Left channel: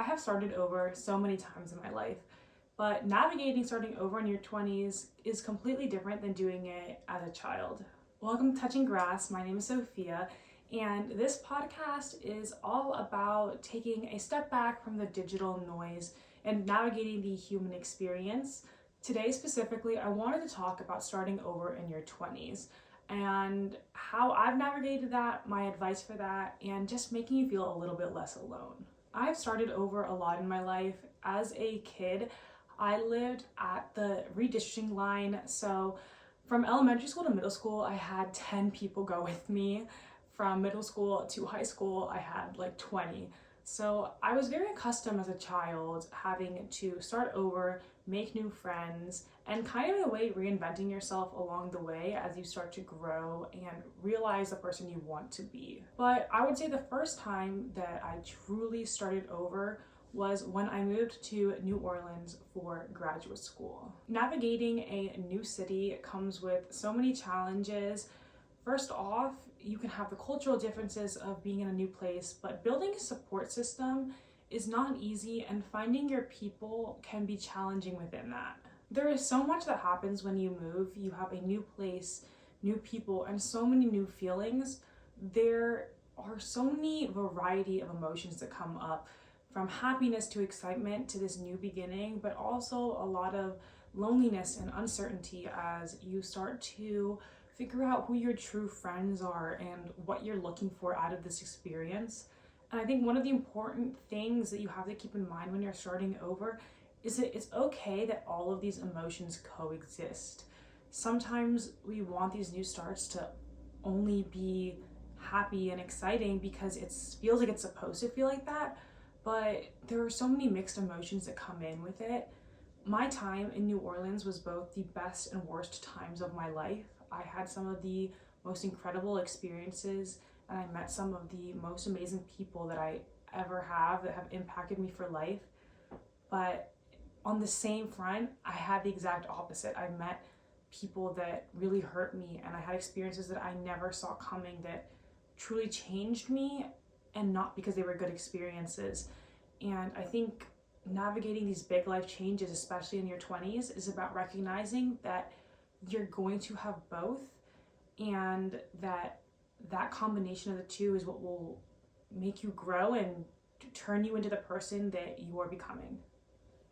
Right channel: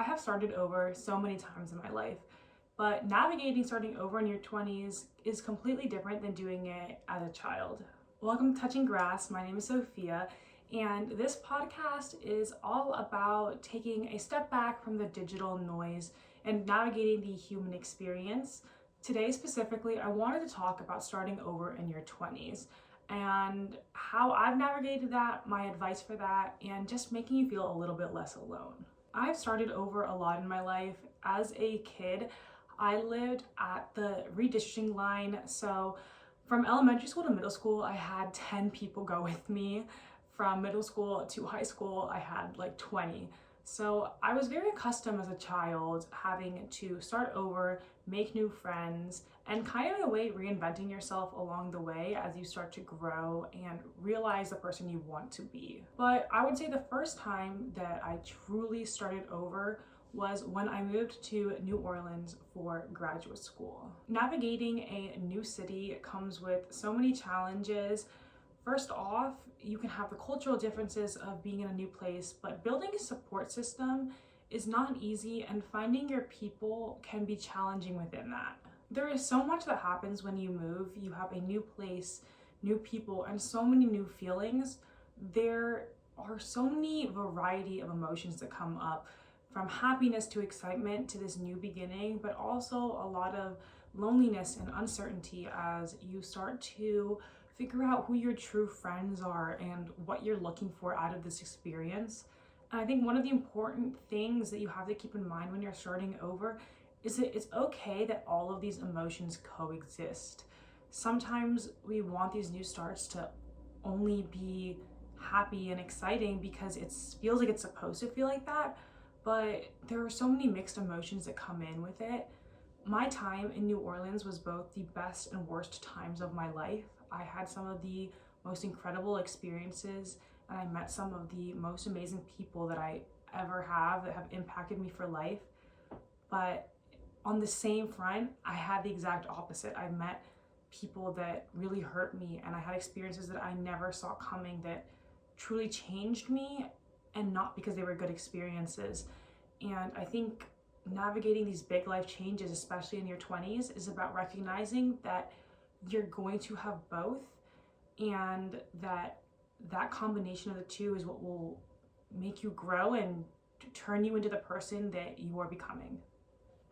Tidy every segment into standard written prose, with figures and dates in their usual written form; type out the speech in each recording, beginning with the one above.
I have started over so many times in my life, but navigating starting over in your 20s is completely different than doing it as a child. Welcome to Touching Grass. My name is Sophia, and this podcast is all about taking a step back from the digital noise and navigating the human experience. Today specifically, I wanted to talk about starting over in your 20s and how I've navigated that, my advice for that, and just making you feel a little bit less alone. I've started over a lot in my life. As a kid, I lived at the redistricting line. So from elementary school to middle school, I had 10 people go with me. From middle school to high school, I had like 20. So I was very accustomed as a child having to start over, make new friends, and kind of in a way reinventing yourself along the way as you start to grow and realize the person you want to be. But I would say the first time that I truly started over was when I moved to New Orleans for graduate school. Navigating a new city comes with so many challenges. First off, you can have the cultural differences of being in a new place, but building a support system is not easy, and finding your people can be challenging within that. There is so much that happens when you move. You have a new place, new people, and so many new feelings. There are so many variety of emotions that come up, from happiness to excitement to this new beginning, but also a lot of loneliness and uncertainty as you start to figure out who your true friends are and what you're looking for out of this experience. And I think one of the important things that you have to keep in mind when you're starting over is that it's okay that all of these emotions coexist. Sometimes we want these new starts to only be happy and exciting because it feels like it's supposed to feel like that, but there are so many mixed emotions that come in with it. My time in New Orleans was both the best and worst times of my life. I had some of the most incredible experiences, and I met some of the most amazing people that I ever have that have impacted me for life. But on the same front, I had the exact opposite. I met people that really hurt me, and I had experiences that I never saw coming that truly changed me, and not because they were good experiences. And I think navigating these big life changes, especially in your 20s, is about recognizing that you're going to have both, and that combination of the two is what will make you grow and turn you into the person that you are becoming.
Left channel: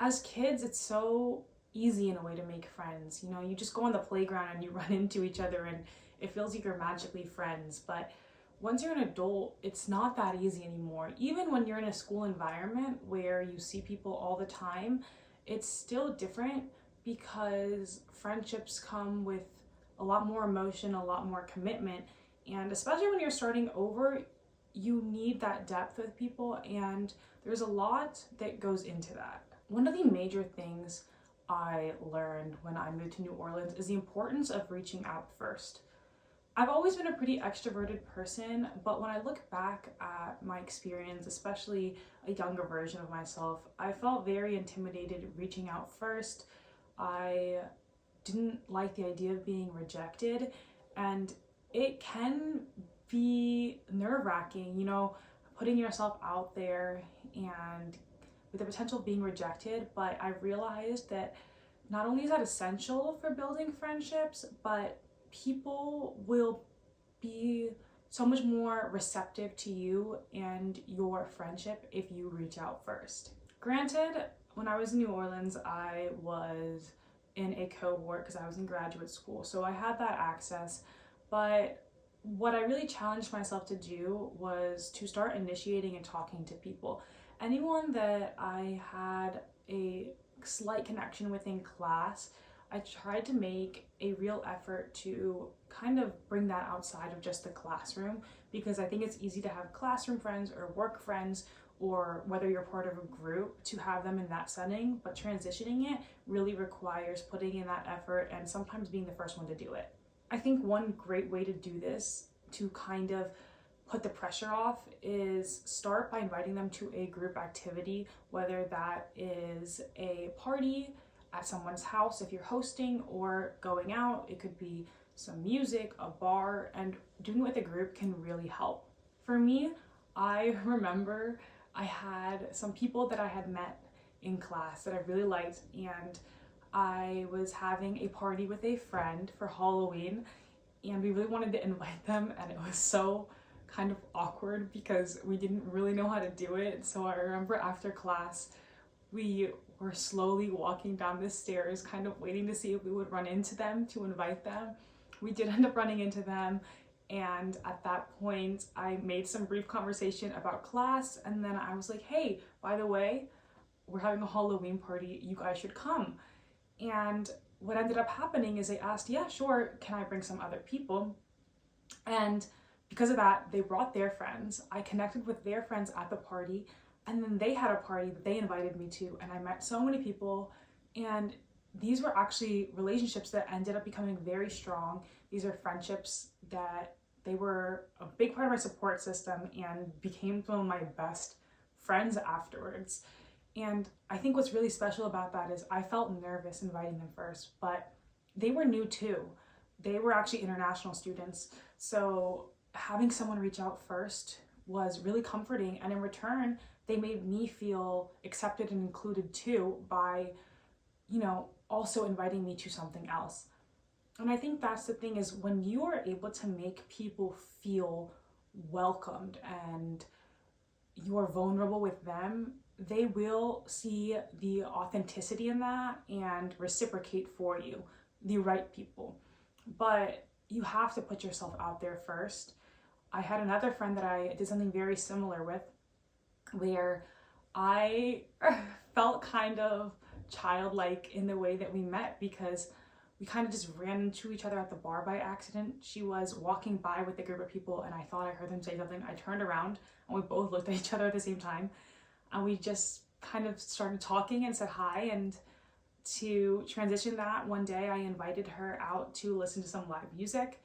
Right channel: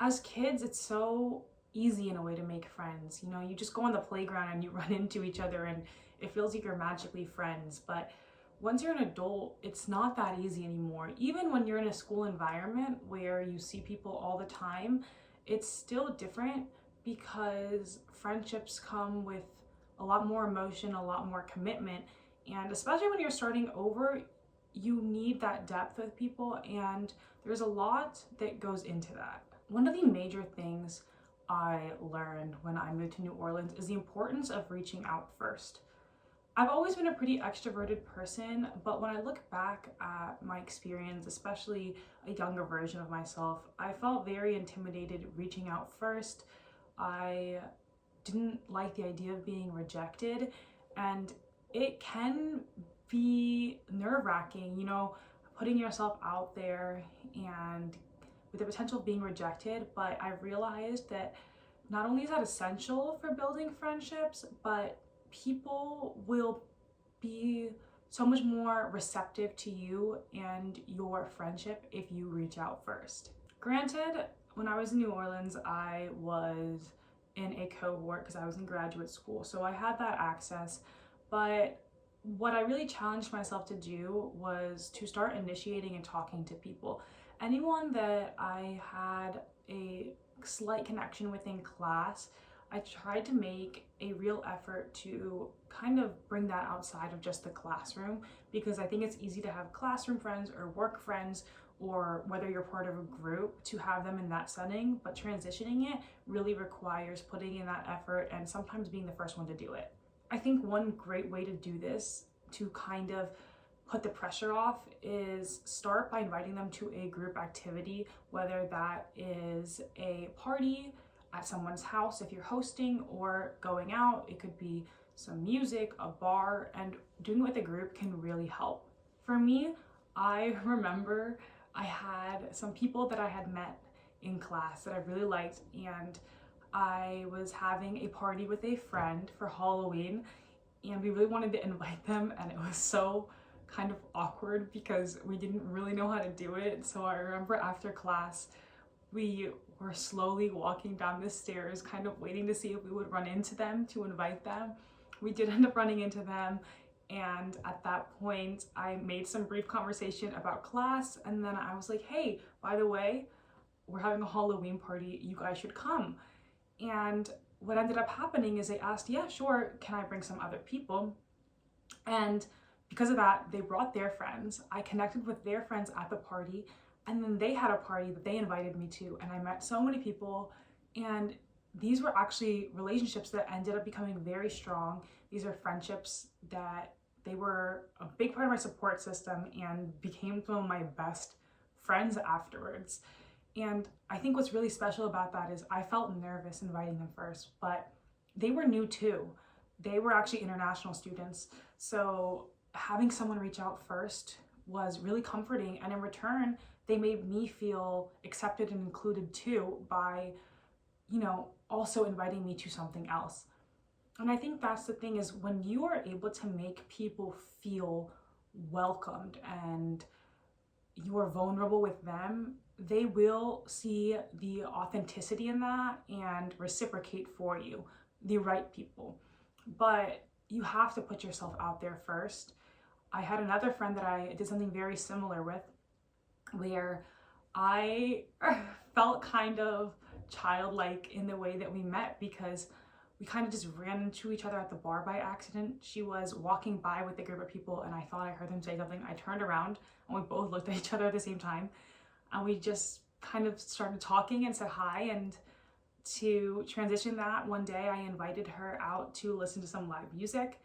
As kids, it's so easy in a way to make friends. You know, you just go on the playground and you run into each other and it feels like you're magically friends. But once you're an adult, it's not that easy anymore. Even when you're in a school environment where you see people all the time, it's still different because friendships come with a lot more emotion, a lot more commitment. And especially when you're starting over, you need that depth with people, and there's a lot that goes into that. One of the major things I learned when I moved to New Orleans is the importance of reaching out first. I've always been a pretty extroverted person, but when I look back at my experience, especially a younger version of myself, I felt very intimidated reaching out first. I didn't like the idea of being rejected, and it can be nerve-wracking, you know, putting yourself out there and with the potential of being rejected. But I realized that not only is that essential for building friendships, but people will be so much more receptive to you and your friendship if you reach out first. Granted, when I was in New Orleans, I was in a cohort because I was in graduate school, so I had that access. But what I really challenged myself to do was to start initiating and talking to people. Anyone that I had a slight connection with in class, I tried to make a real effort to kind of bring that outside of just the classroom, because I think it's easy to have classroom friends or work friends, or whether you're part of a group, to have them in that setting, but transitioning it really requires putting in that effort and sometimes being the first one to do it. I think one great way to do this, to kind of put the pressure off, is start by inviting them to a group activity, whether that is a party at someone's house if you're hosting, or going out. It could be some music, a bar, and doing it with a group can really help. For me, I remember I had some people that I had met in class that I really liked, and I was having a party with a friend for Halloween, and we really wanted to invite them, and it was so kind of awkward because we didn't really know how to do it. So I remember after class, we were slowly walking down the stairs, kind of waiting to see if we would run into them to invite them. We did end up running into them, and at that point, I made some brief conversation about class, and then I was like, hey, by the way, we're having a Halloween party, you guys should come. And what ended up happening is they asked, yeah, sure, can I bring some other people? And because of that, they brought their friends. I connected with their friends at the party, and then they had a party that they invited me to, and I met so many people, and these were actually relationships that ended up becoming very strong. These are friendships that they were a big part of my support system and became some of my best friends afterwards. And I think what's really special about that is I felt nervous inviting them first, but they were new too. They were actually international students. So having someone reach out first was really comforting. And in return, they made me feel accepted and included too by, also inviting me to something else. And I think that's the thing, is when you are able to make people feel welcomed and you are vulnerable with them, they will see the authenticity in that and reciprocate for you, the right people. But you have to put yourself out there first. I had another friend that I did something very similar with, where I felt kind of childlike in the way that we met, because we kind of just ran into each other at the bar by accident. She was walking by with a group of people, and I thought I heard them say something. I turned around, and we both looked at each other at the same time, and we just kind of started talking and said hi. And to transition that, one day I invited her out to listen to some live music,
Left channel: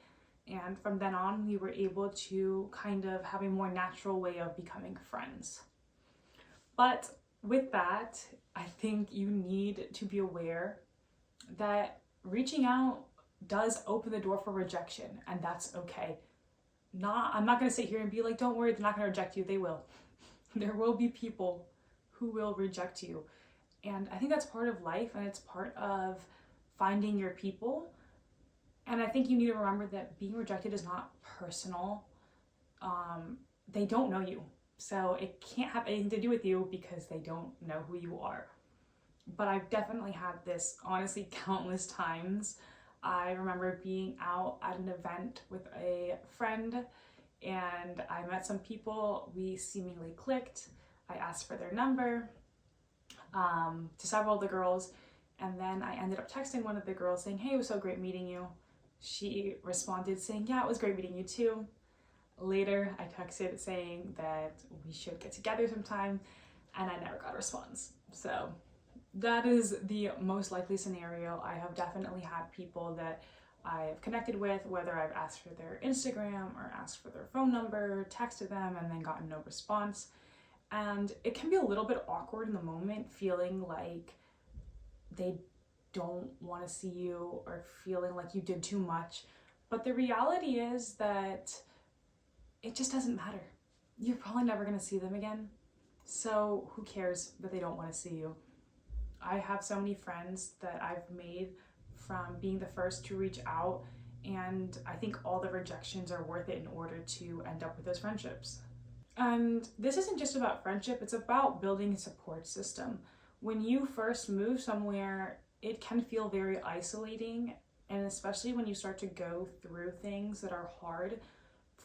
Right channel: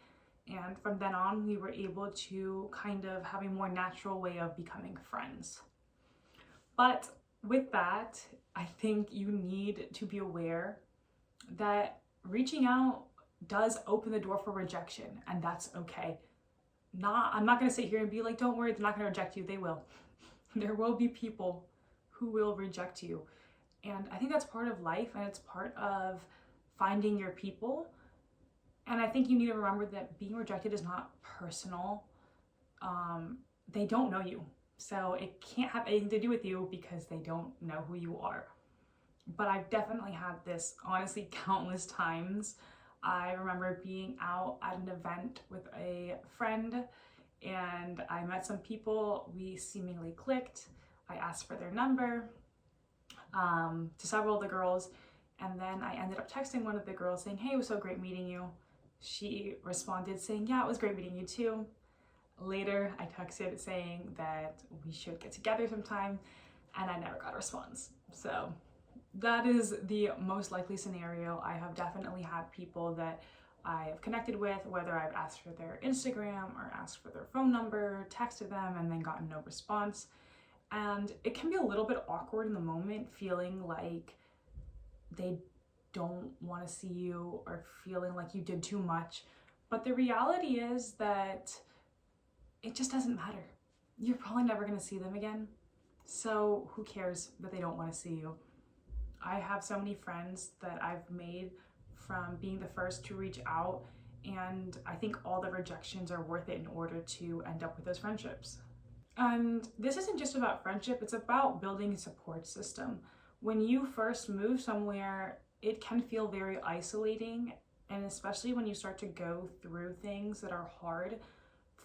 and from then on we were able to kind of have a more natural way of becoming friends. But with that, I think you need to be aware that reaching out does open the door for rejection, and that's okay. I'm not going to sit here and be like, don't worry, they're not going to reject you. They will. There will be people who will reject you. And I think that's part of life, and it's part of finding your people. And I think you need to remember that being rejected is not personal. They don't know you. So it can't have anything to do with you because they don't know who you are. But I've definitely had this, honestly, countless times. I remember being out at an event with a friend, and I met some people. We seemingly clicked. I asked for their number to several of the girls, and then I ended up texting one of the girls saying, hey, it was so great meeting you. She responded saying, yeah, it was great meeting you too. Later, I texted saying that we should get together sometime, and I never got a response. So that is the most likely scenario. I have definitely had people that I have connected with, whether I've asked for their Instagram or asked for their phone number, texted them, and then gotten no response. And it can be a little bit awkward in the moment, feeling like they don't want to see you or feeling like you did too much. But the reality is that it just doesn't matter. You're probably never going to see them again. So who cares that they don't want to see you? I have so many friends that I've made from being the first to reach out, and I think all the rejections are worth it in order to end up with those friendships. And this isn't just about friendship, it's about building a support system. When you first move somewhere, it can feel very isolating, and especially when you start to go through things that are hard,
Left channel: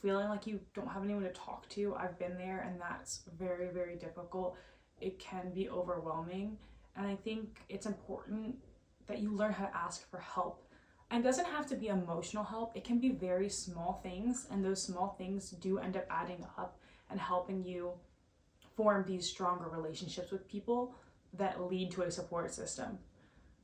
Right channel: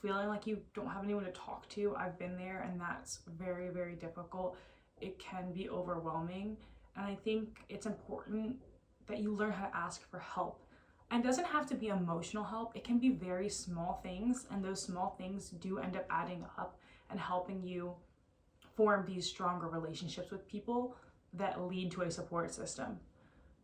feeling like you don't have anyone to talk to. I've been there, and that's very, very difficult. It can be overwhelming, and I think it's important that you learn how to ask for help. And it doesn't have to be emotional help. It can be very small things, and those small things do end up adding up and helping you form these stronger relationships with people that lead to a support system.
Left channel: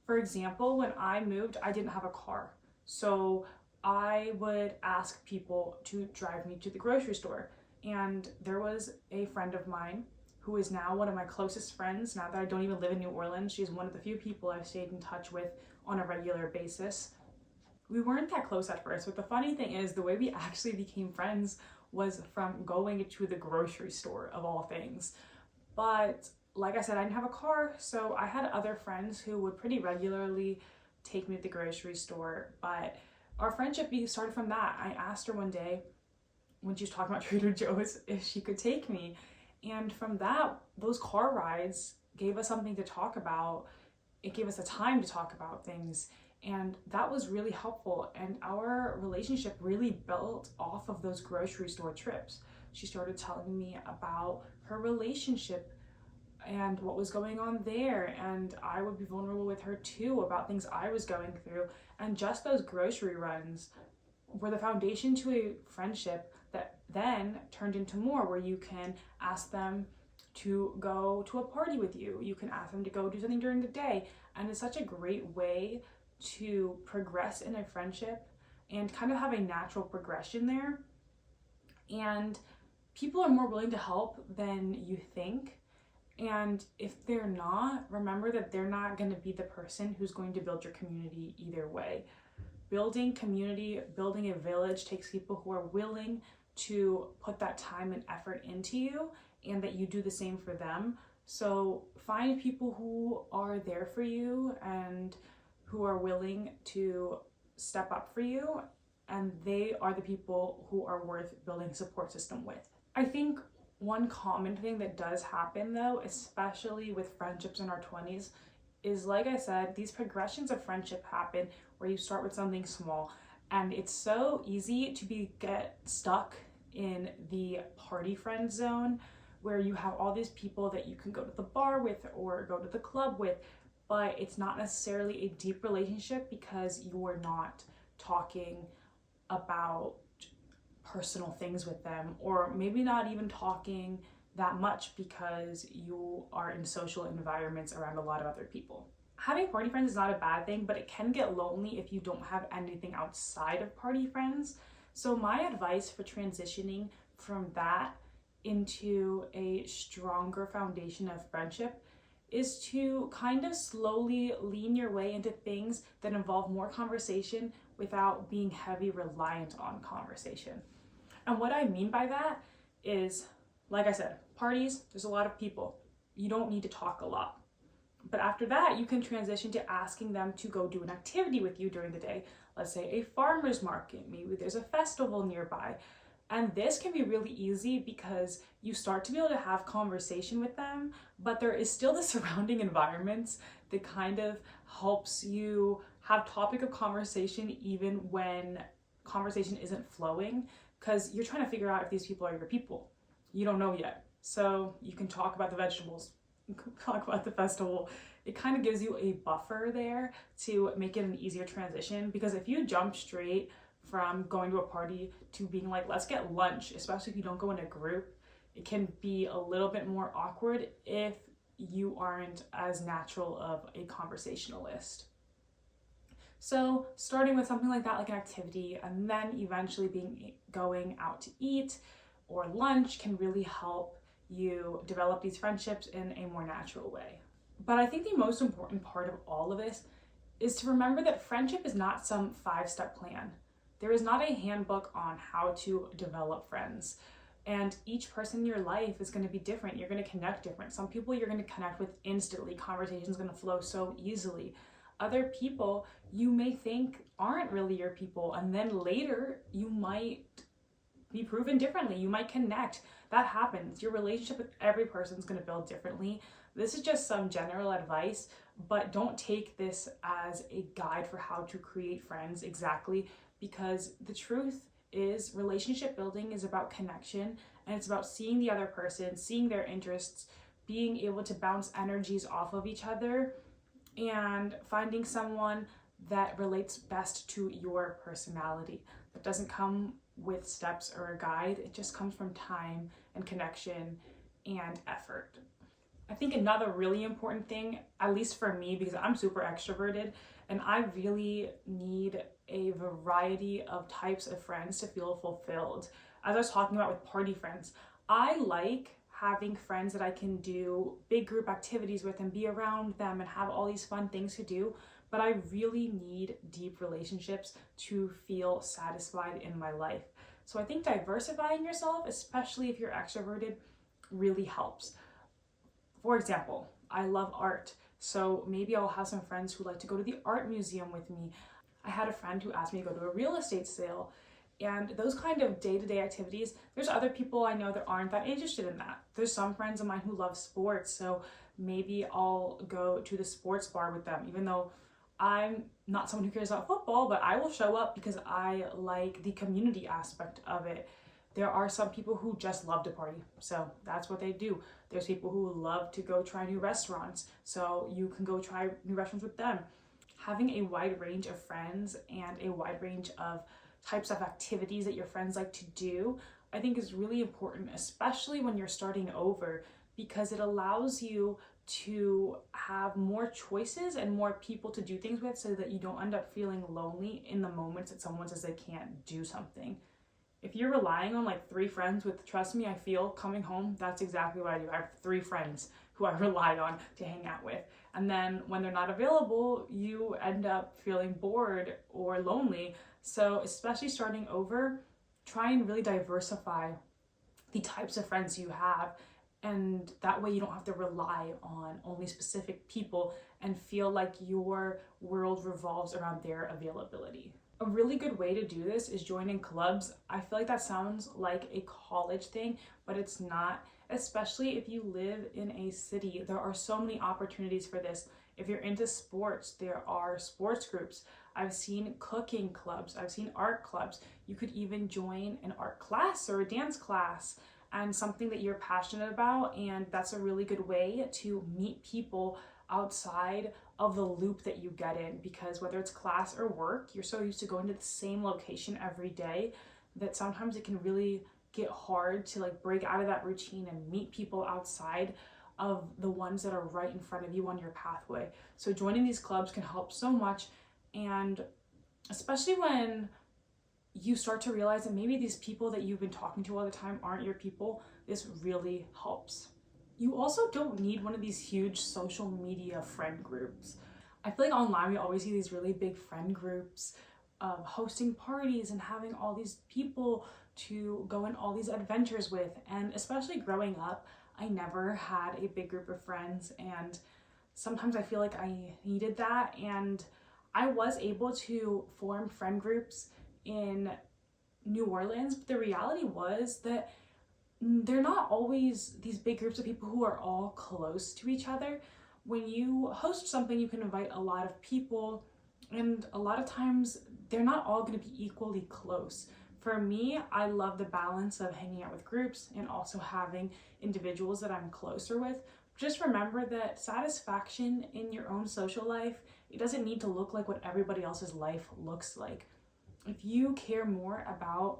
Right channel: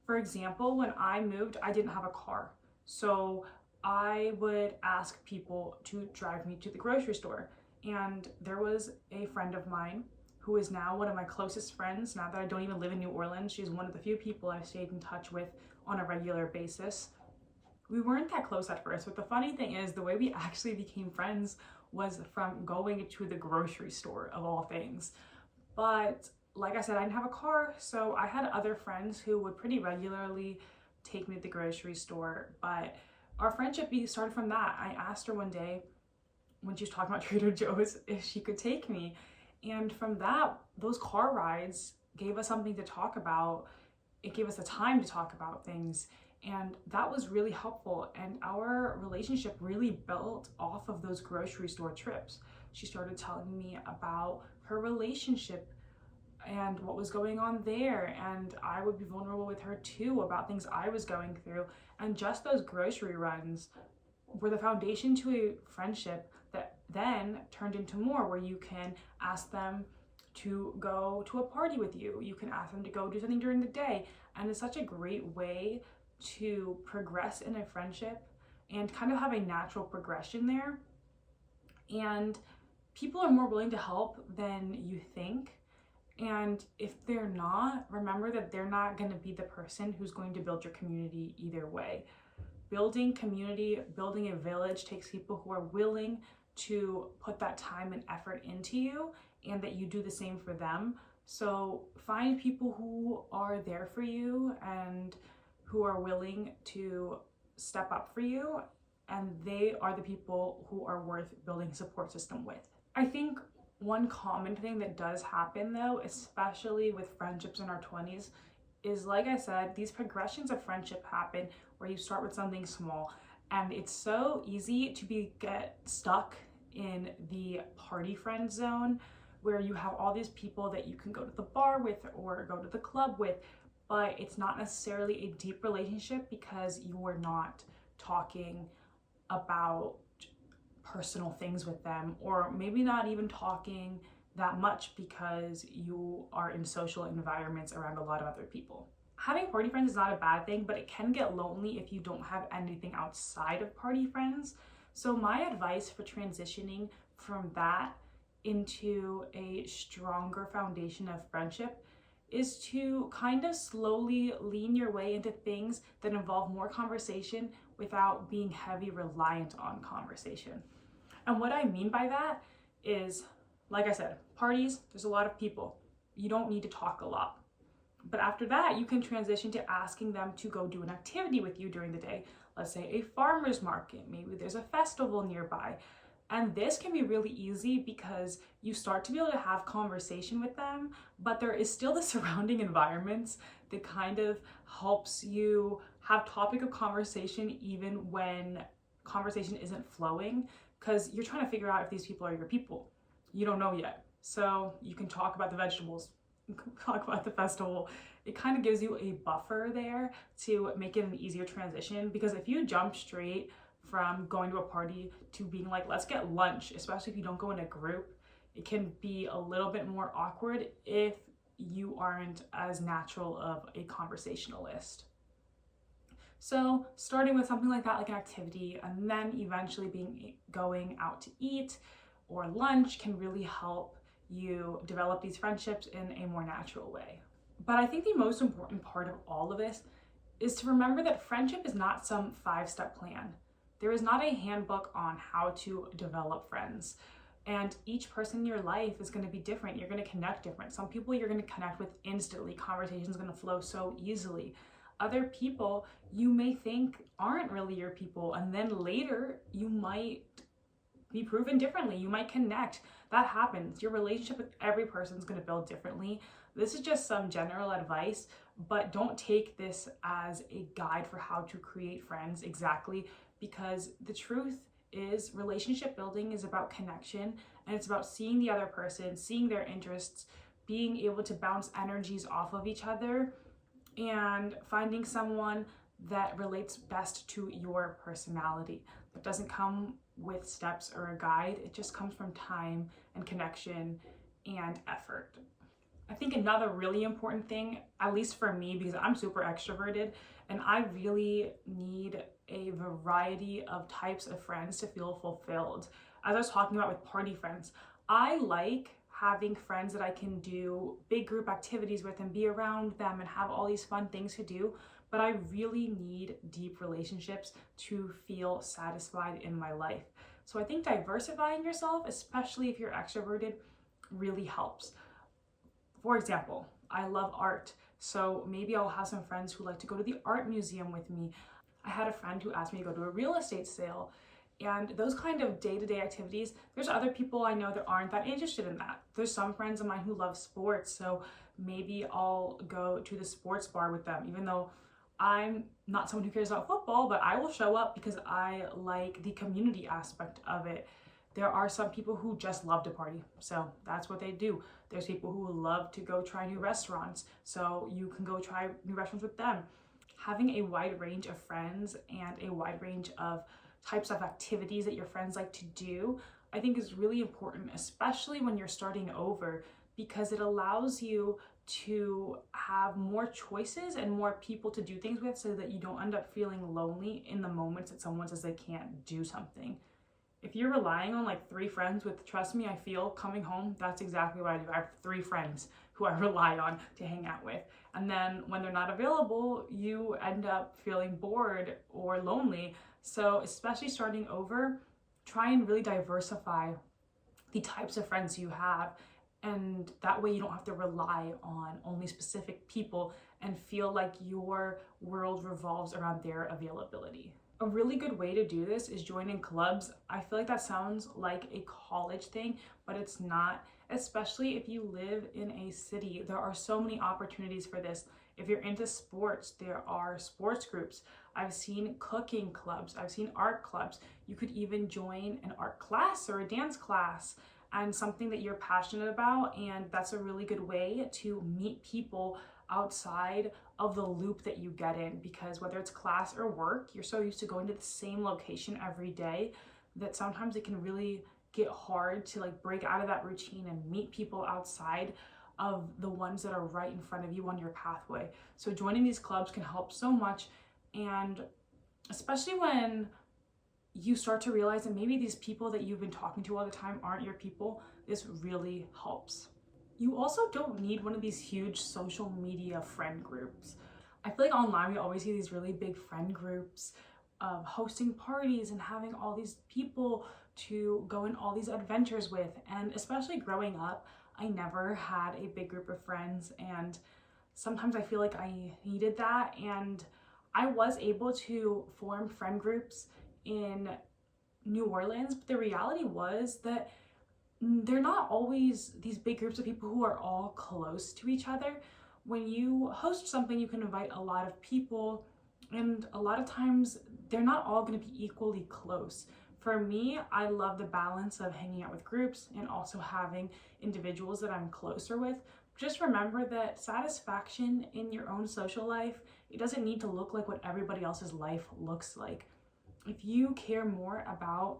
For example, when I moved, I didn't have a car. So I would ask people to drive me to the grocery store. And there was a friend of mine who is now one of my closest friends. Now that I don't even live in New Orleans, she's one of the few people I've stayed in touch with on a regular basis. We weren't that close at first, but the funny thing is the way we actually became friends was from going to the grocery store, of all things. But like I said, I didn't have a car, so I had other friends who would pretty regularly take me to the grocery store. But our friendship started from that. I asked her one day when she was talking about Trader Joe's if she could take me. And from that, those car rides gave us something to talk about. It gave us the time to talk about things. And that was really helpful. And our relationship really built off of those grocery store trips. She started telling me about her relationship and what was going on there. And I would be vulnerable with her too about things I was going through. And just those grocery runs were the foundation to a friendship that then turned into more, where you can ask them to go to a party with you. You can ask them to go do something during the day. And it's such a great way to progress in a friendship and kind of have a natural progression there. And people are more willing to help than you think. And if they're not, remember that they're not going to be the person who's going to build your community either way. Building community, building a village takes people who are willing to put that time and effort into you, and that you do the same for them. So find people who are there for you and who are willing to step up for you, and they are the people who are worth building a support system with. I think one common thing that does happen though, especially with friendships in our 20s, is, like I said, these progressions of friendship happen where you start with something small, and it's so easy to get stuck in the party friend zone where you have all these people that you can go to the bar with or go to the club with, but it's not necessarily a deep relationship because you are not talking about personal things with them, or maybe not even talking that much because you are in social environments around a lot of other people. Having party friends is not a bad thing, but it can get lonely if you don't have anything outside of party friends. So my advice for transitioning from that into a stronger foundation of friendship is to kind of slowly lean your way into things that involve more conversation without being heavy reliant on conversation. And what I mean by that is, like I said, parties, there's a lot of people. You don't need to talk a lot. But after that, you can transition to asking them to go do an activity with you during the day. Let's say a farmer's market, maybe there's a festival nearby. And this can be really easy because you start to be able to have conversation with them, but there is still the surrounding environments that kind of helps you have topic of conversation even when conversation isn't flowing, because you're trying to figure out if these people are your people. You don't know yet. So you can talk about the vegetables, talk about the festival. It kind of gives you a buffer there to make it an easier transition, because if you jump straight from going to a party to being like, let's get lunch, especially if you don't go in a group, it can be a little bit more awkward if you aren't as natural of a conversationalist. So starting with something like that, like an activity, and then eventually going out to eat or lunch can really help you develop these friendships in a more natural way. But I think the most important part of all of this is to remember that friendship is not some 5-step plan. There is not a handbook on how to develop friends. And each person in your life is going to be different. You're going to connect different. Some people you're going to connect with instantly. Conversation is going to flow so easily. Other people you may think aren't really your people, and then later you might be proven differently. You might connect. That happens. Your relationship with every person is going to build differently. This is just some general advice, but don't take this as a guide for how to create friends exactly, because the truth is relationship building is about connection, and it's about seeing the other person, seeing their interests, being able to bounce energies off of each other, and finding someone that relates best to your personality. That doesn't come with steps or a guide. It just comes from time and connection and effort. I think another really important thing, at least for me, because I'm super extroverted and I really need a variety of types of friends to feel fulfilled. As I was talking about with party friends, I like having friends that I can do big group activities with and be around them and have all these fun things to do, but I really need deep relationships to feel satisfied in my life. So I think diversifying yourself, especially if you're extroverted, really helps. For example, I love art, so maybe I'll have some friends who like to go to the art museum with me. I had a friend who asked me to go to a real estate sale, and those kind of day-to-day activities, there's other people I know that aren't that interested in that. There's some friends of mine who love sports, so maybe I'll go to the sports bar with them, even though I'm not someone who cares about football, but I will show up because I like the community aspect of it. There are some people who just love to party, so that's what they do. There's people who love to go try new restaurants, so you can go try new restaurants with them. Having a wide range of friends and a wide range of types of activities that your friends like to do, I think is really important, especially when you're starting over, because it allows you to have more choices and more people to do things with so that you don't end up feeling lonely in the moments that someone says they can't do something. If you're relying on like 3 friends with, trust me, I feel coming home, that's exactly what I do. I have 3 friends who I rely on to hang out with. And then when they're not available, you end up feeling bored or lonely. So especially starting over, try and really diversify the types of friends you have. And that way you don't have to rely on only specific people and feel like your world revolves around their availability. A really good way to do this is joining clubs. I feel like that sounds like a college thing, but it's not, especially if you live in a city. There are so many opportunities for this. If you're into sports, there are sports groups. I've seen cooking clubs, I've seen art clubs. You could even join an art class or a dance class and something that you're passionate about, and that's a really good way to meet people outside of the loop that you get in, because whether it's class or work, you're so used to going to the same location every day that sometimes it can really get hard to like break out of that routine and meet people outside of the ones that are right in front of you on your pathway. So joining these clubs can help so much, and especially when you start to realize that maybe these people that you've been talking to all the time aren't your people, this really helps. You also don't need one of these huge social media friend groups. I feel like online we always see these really big friend groups of hosting parties and having all these people to go on all these adventures with. And especially growing up, I never had a big group of friends, and sometimes I feel like I needed that. And I was able to form friend groups in New Orleans, but the reality was that they're not always these big groups of people who are all close to each other. When you host something, you can invite a lot of people, and a lot of times they're not all going to be equally close. For me, I love the balance of hanging out with groups and also having individuals that I'm closer with. Just remember that satisfaction in your own social life, it doesn't need to look like what everybody else's life looks like. If you care more about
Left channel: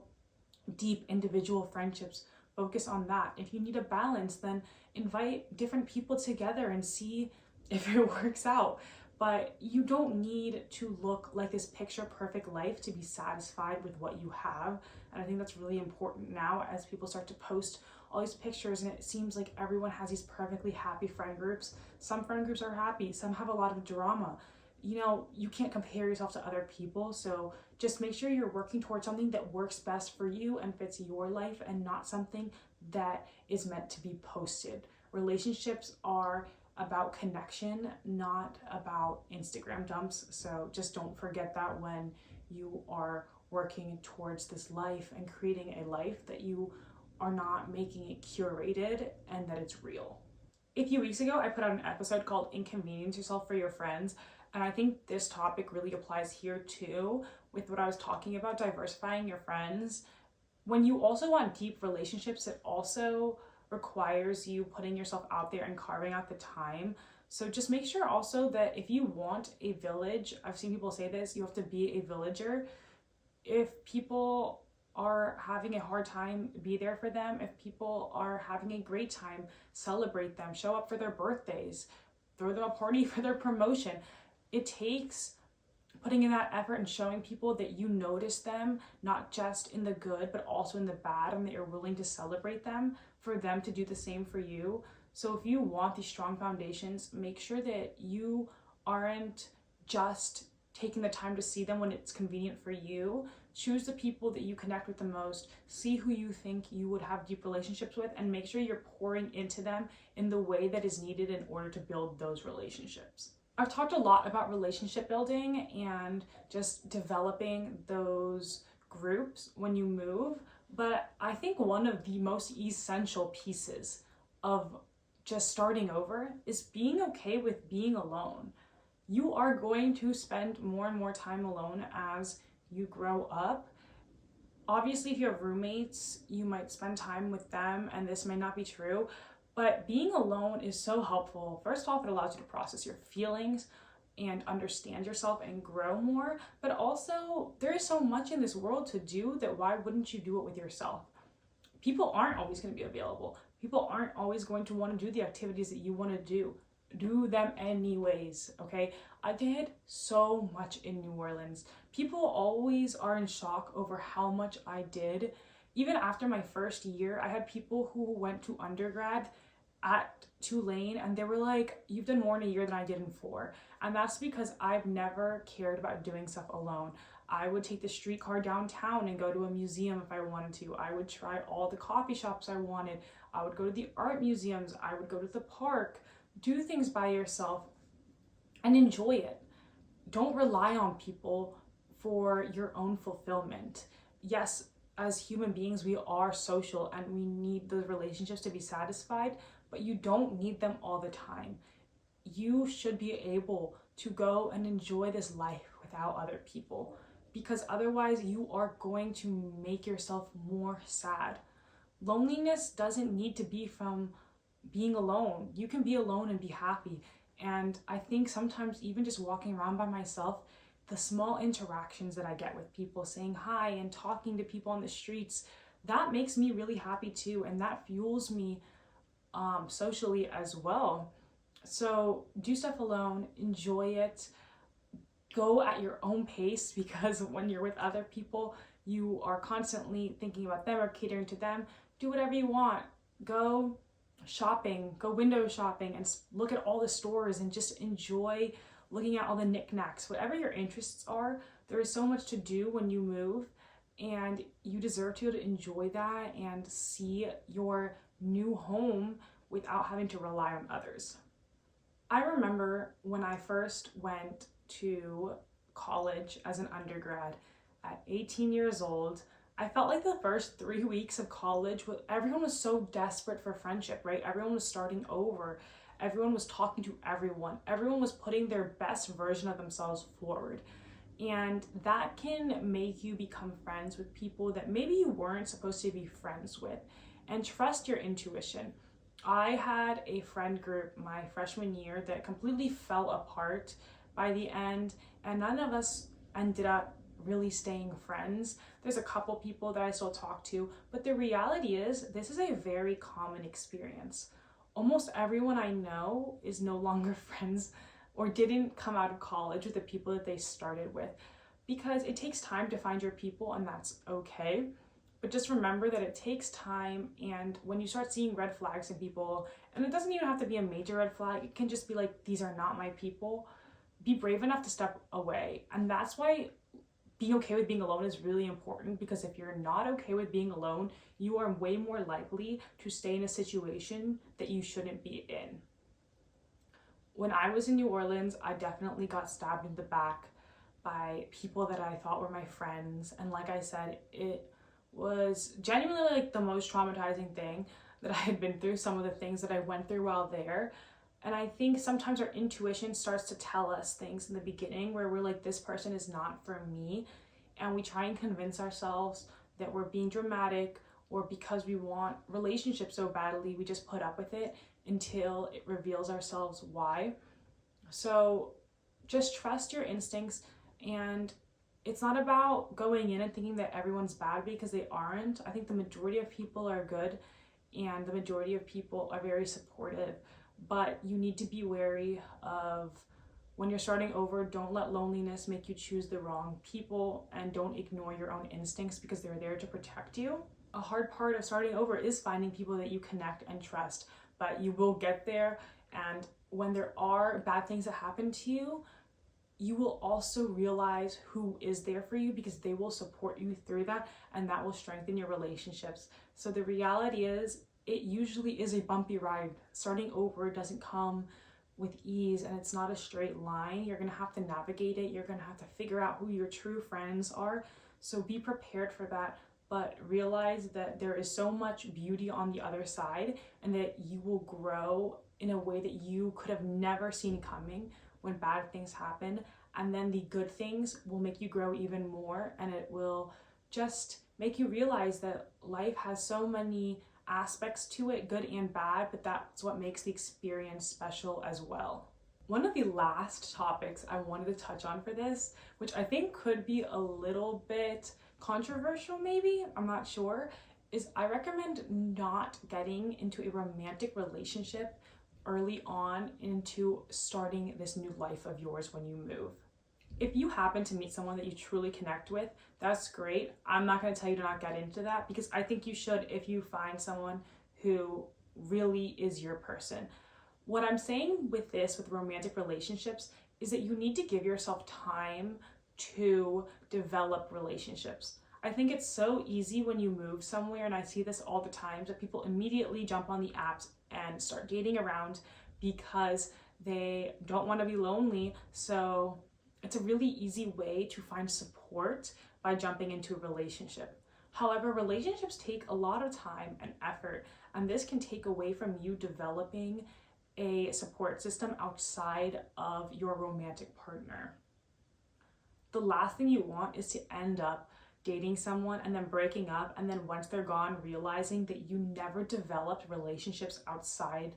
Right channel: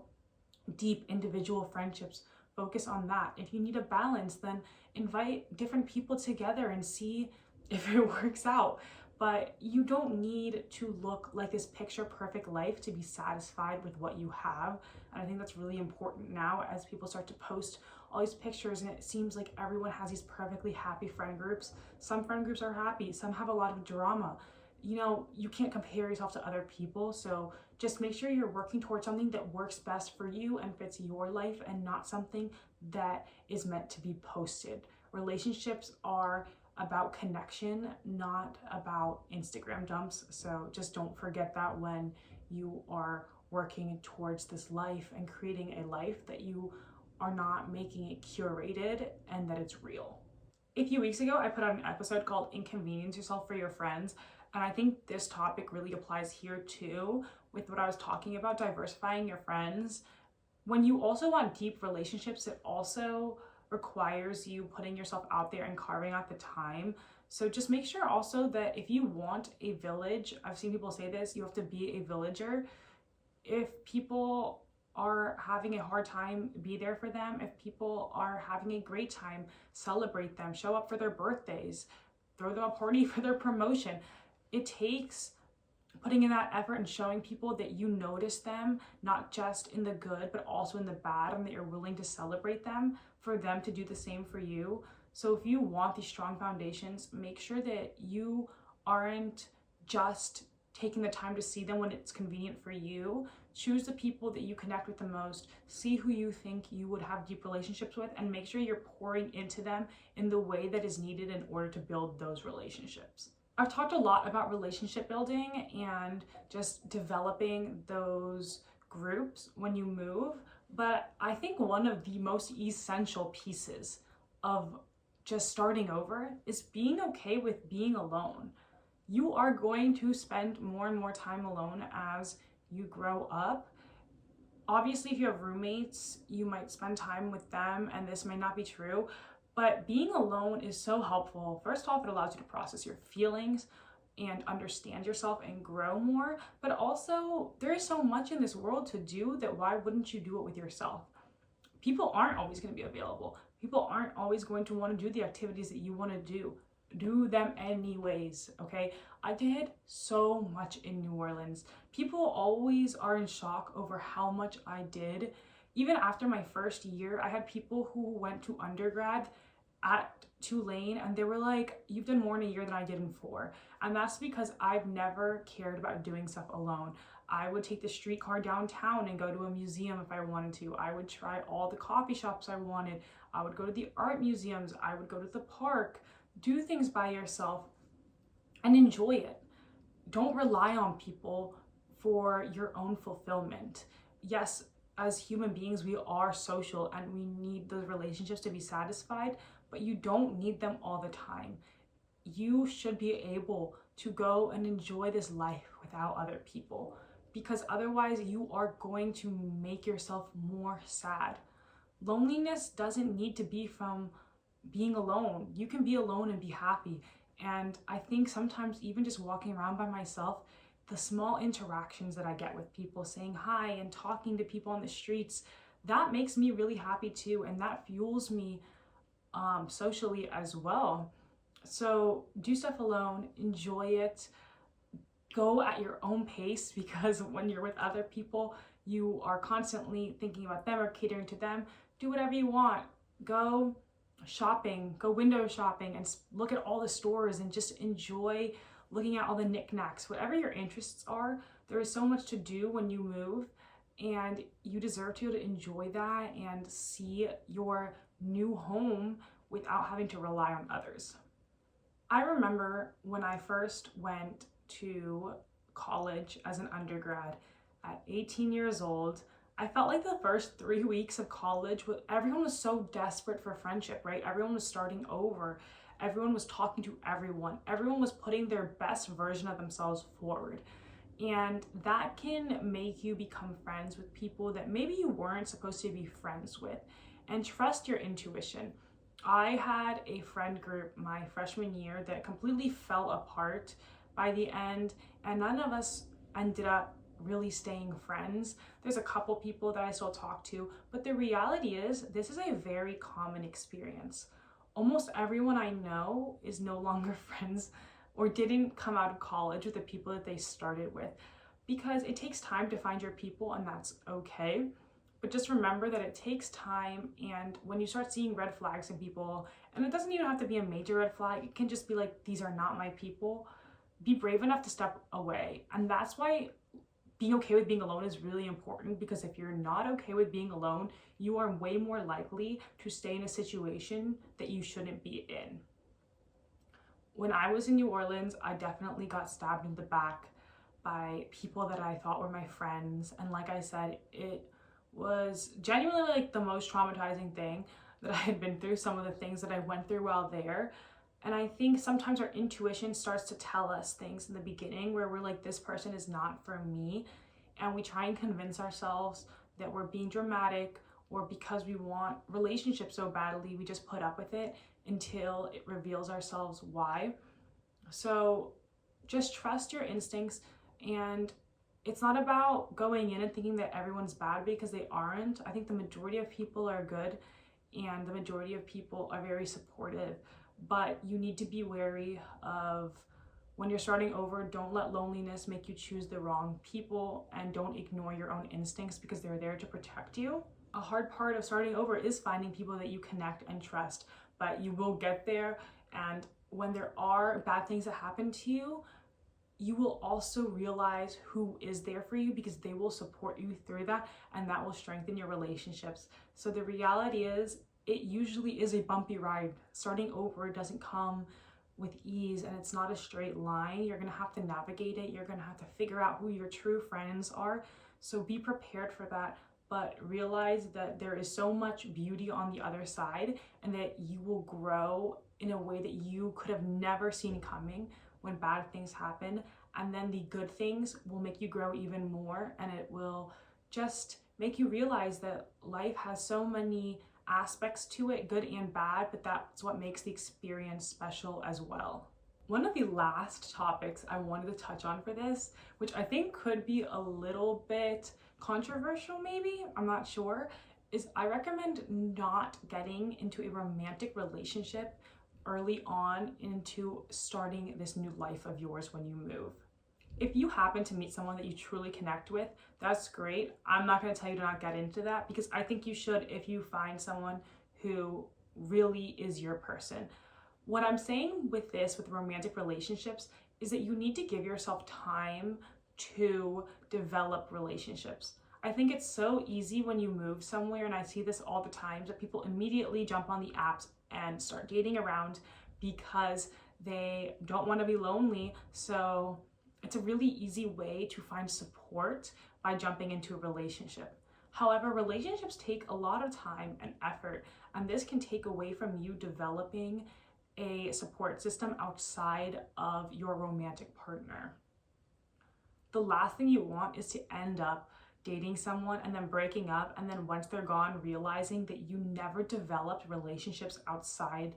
deep individual friendships, focus on that. If you need a balance, then invite different people together and see if it works out. But you don't need to look like this picture perfect life to be satisfied with what you have. And I think that's really important now as people start to post all these pictures and it seems like everyone has these perfectly happy friend groups. Some friend groups are happy, some have a lot of drama. You know, you can't compare yourself to other people, so just make sure you're working towards something that works best for you and fits your life, and not something that is meant to be posted. Relationships are about connection, not about Instagram dumps, so just don't forget that when you are working towards this life and creating a life, that you are not making it curated and that it's real. A few weeks ago, I put out an episode called Inconvenience Yourself for Your Friends. And I think this topic really applies here too, with what I was talking about, diversifying your friends. When you also want deep relationships, it also requires you putting yourself out there and carving out the time. So just make sure also that if you want a village, I've seen people say this, you have to be a villager. If people are having a hard time, be there for them. If people are having a great time, celebrate them, show up for their birthdays, throw them a party for their promotion. It takes putting in that effort and showing people that you notice them, not just in the good, but also in the bad, and that you're willing to celebrate them, for them to do the same for you. So if you want these strong foundations, make sure that you aren't just taking the time to see them when it's convenient for you. Choose the people that you connect with the most, see who you think you would have deep relationships with, and make sure you're pouring into them in the way that is needed in order to build those relationships. I've talked a lot about relationship building and just developing those groups when you move, but I think one of the most essential pieces of just starting over is being okay with being alone. You are going to spend more and more time alone as you grow up. Obviously, if you have roommates, you might spend time with them, and this may not be true, but being alone is so helpful. First off, it allows you to process your feelings and understand yourself and grow more, but also there is so much in this world to do that why wouldn't you do it with yourself? People aren't always going to be available. People aren't always going to want to do the activities that you want to do. Do them anyways, okay? I did so much in New Orleans. People always are in shock over how much I did. Even after my first year, I had people who went to undergrad at Tulane and they were like, you've done more in a year than I did in 4. And that's because I've never cared about doing stuff alone. I would take the streetcar downtown and go to a museum if I wanted to. I would try all the coffee shops I wanted. I would go to the art museums. I would go to the park. Do things by yourself and enjoy it. Don't rely on people for your own fulfillment. Yes, as human beings, we are social and we need those relationships to be satisfied, but you don't need them all the time. You should be able to go and enjoy this life without other people, because otherwise you are going to make yourself more sad. Loneliness doesn't need to be from being alone. You can be alone and be happy. And I think sometimes even just walking around by myself, the small interactions that I get with people, saying hi and talking to people on the streets, that makes me really happy too. And that fuels me socially as well. So do stuff alone, enjoy it, go at your own pace, because when you're with other people, you are constantly thinking about them or catering to them. Do whatever you want. Go shopping, go window shopping and look at all the stores and just enjoy looking at all the knickknacks. Whatever your interests are, there is so much to do when you move, and you deserve to be able to enjoy that and see your new home without having to rely on others. I remember when I first went to college as an undergrad at 18 years old, I felt like the first 3 weeks of college, everyone was so desperate for friendship, right? Everyone was starting over. Everyone was talking to everyone. Everyone was putting their best version of themselves forward. And that can make you become friends with people that maybe you weren't supposed to be friends with. And trust your intuition. I had a friend group my freshman year that completely fell apart by the end, and none of us ended up really staying friends. There's a couple people that I still talk to, but the reality is this is a very common experience. Almost everyone I know is no longer friends or didn't come out of college with the people that they started with, because it takes time to find your people, and that's okay. But just remember that it takes time, and when you start seeing red flags in people, and it doesn't even have to be a major red flag, it can just be like, these are not my people, be brave enough to step away. And that's why being okay with being alone is really important, because if you're not okay with being alone, you are way more likely to stay in a situation that you shouldn't be in. When I was in New Orleans, I definitely got stabbed in the back by people that I thought were my friends. And like I said, it was genuinely like the most traumatizing thing that I had been through, some of the things that I went through while there. And I think sometimes our intuition starts to tell us things in the beginning where we're like, this person is not for me. And we try and convince ourselves that we're being dramatic, or because we want relationships so badly, we just put up with it until it reveals ourselves why. So just trust your instincts. And it's not about going in and thinking that everyone's bad, because they aren't. I think the majority of people are good, and the majority of people are very supportive. But you need to be wary of, when you're starting over, don't let loneliness make you choose the wrong people, and don't ignore your own instincts, because they're there to protect you. A hard part of starting over is finding people that you connect and trust, but you will get there. And when there are bad things that happen to you, you will also realize who is there for you, because they will support you through that, and that will strengthen your relationships. So the reality is, it usually is a bumpy ride. Starting over doesn't come with ease, and it's not a straight line. You're gonna have to navigate it. You're gonna have to figure out who your true friends are. So be prepared for that, but realize that there is so much beauty on the other side, and that you will grow in a way that you could have never seen coming when bad things happen. And then the good things will make you grow even more, and it will just make you realize that life has so many aspects to it, good and bad, but that's what makes the experience special as well. One of the last topics I wanted to touch on for this, which I think could be a little bit controversial maybe, I'm not sure, is I recommend not getting into a romantic relationship early on into starting this new life of yours when you move. If you happen to meet someone that you truly connect with, that's great. I'm not going to tell you to not get into that, because I think you should if you find someone who really is your person. What I'm saying with this, with romantic relationships, is that you need to give yourself time to develop relationships. I think it's so easy when you move somewhere, and I see this all the time, that people immediately jump on the apps and start dating around because they don't want to be lonely. So it's a really easy way to find support by jumping into a relationship. However, relationships take a lot of time and effort, and this can take away from you developing a support system outside of your romantic partner. The last thing you want is to end up dating someone and then breaking up, and then once they're gone, realizing that you never developed relationships outside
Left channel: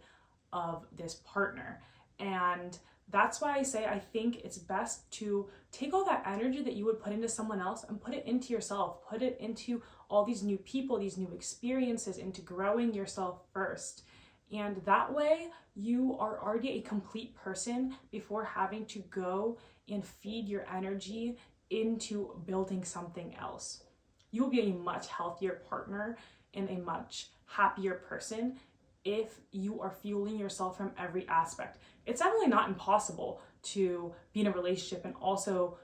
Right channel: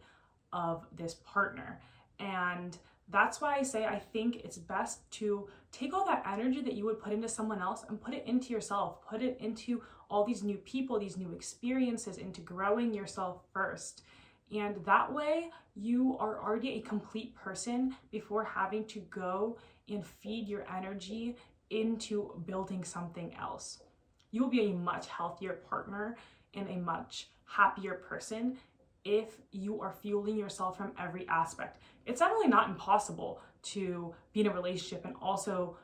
of this partner. And that's why I say I think it's best to take all that energy that you would put into someone else and put it into yourself, put it into all these new people, these new experiences, into growing yourself first. And that way you are already a complete person before having to go and feed your energy into building something else. You will be a much healthier partner and a much happier person if you are fueling yourself from every aspect. It's definitely not impossible to be in a relationship and also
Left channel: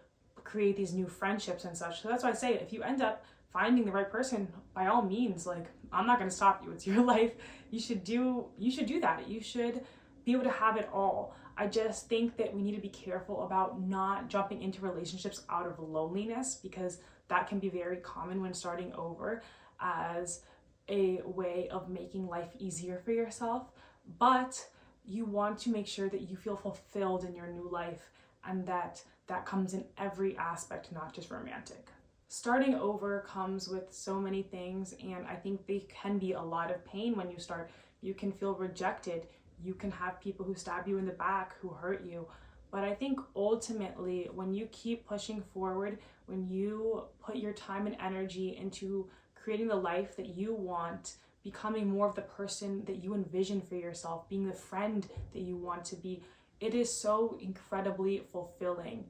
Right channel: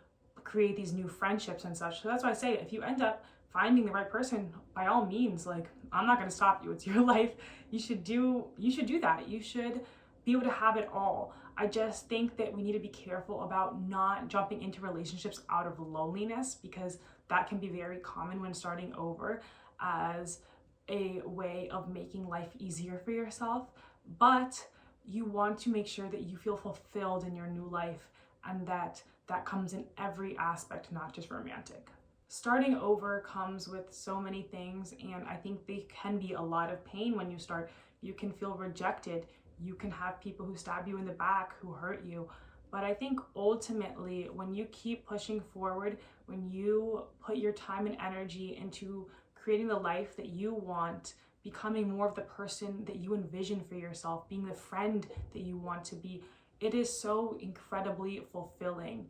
create these new friendships and such. So that's why I say, if you end up finding the right person, by all means, like, I'm not going to stop you. It's your life. You should do that. You should be able to have it all. I just think that we need to be careful about not jumping into relationships out of loneliness, because that can be very common when starting over, as a way of making life easier for yourself. But you want to make sure that you feel fulfilled in your new life, and that comes in every aspect, not just romantic. Starting over comes with so many things, and I think they can be a lot of pain when you start. You can feel rejected. You can have people who stab you in the back, who hurt you. But I think ultimately, when you keep pushing forward, when you put your time and energy into creating the life that you want, becoming more of the person that you envision for yourself, being the friend that you want to be, it is so incredibly fulfilling.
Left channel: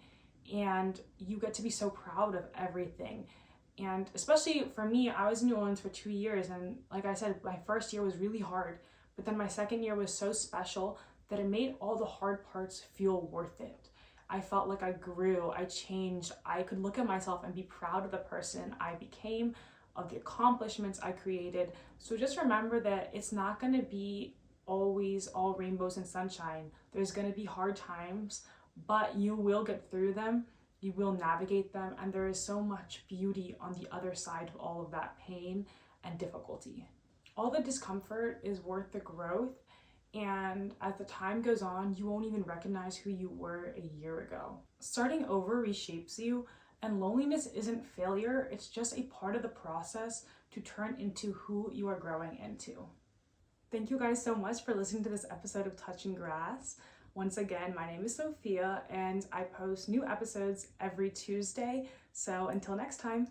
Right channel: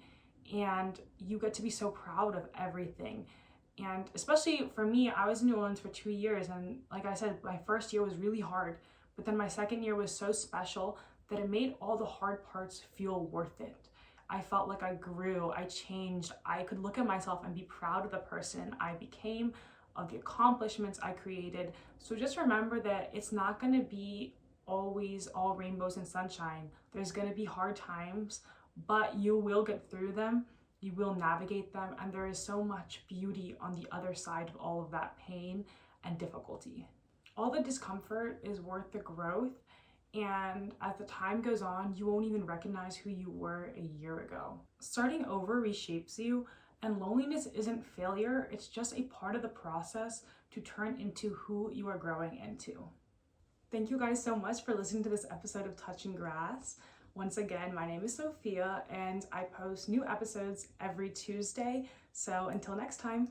And you get to be so proud of everything. And especially for me, I was in New Orleans for 2 years, and like I said, my first year was really hard, but then my second year was so special that it made all the hard parts feel worth it. I felt like I grew, I changed, I could look at myself and be proud of the person I became, of the accomplishments I created. So just remember that it's not going to be always all rainbows and sunshine. There's going to be hard times, but you will get through them, you will navigate them, and there is so much beauty on the other side of all of that pain and difficulty. All the discomfort is worth the growth, and as the time goes on, you won't even recognize who you were a year ago. Starting over reshapes you, and loneliness isn't failure, it's just a part of the process to turn into who you are growing into. Thank you guys so much for listening to this episode of Touching Grass. Once again, my name is Sophia, and I post new episodes every Tuesday. So until next time.